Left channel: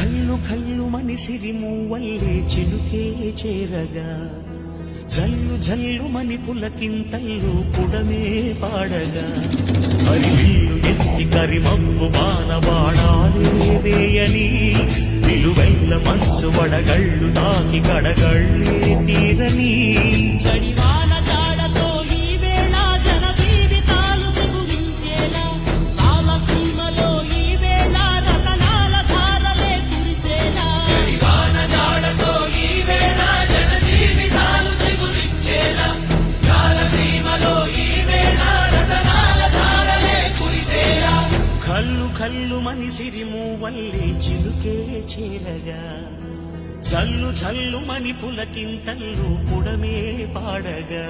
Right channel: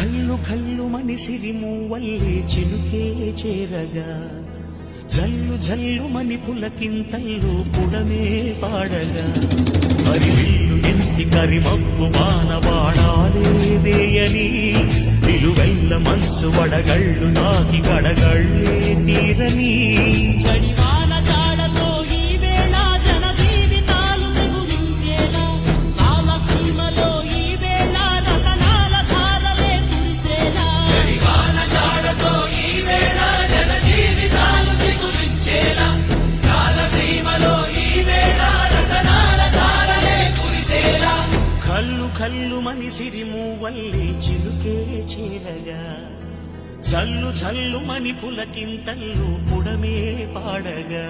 కళ్ళు కళ్ళు మనిసిరి మూవల్లే చిలుకే చేరగా జల్లు జల్లు మని పులకింతల్లు పుడమే పాడగా హరివిల్లు ఎత్తి కరిమబ్బు బాణబాణాలే వేయని నిలువెల్ల మంచు వడగళ్ళు తాకి కడగళ్ళే తీరని చడివాన జాడతో ఈ వేళ జన జీవితాలు తెగులించేలా రాలసీమలో ఈ వేళ రతనాల ధారలే కురిసేలా చడివాన జాడతో ఈ వేళ జన జీవితాలు తెగులించేలా రాలసీమలో ఈ వేళ రతనాల ధారలే కురిసేలా కళ్ళు కళ్ళు మనిసిరి మూవల్లే చిలుకే చేరగా జల్లు జల్లు మని పులకింతల్లు పుడమే పాడగా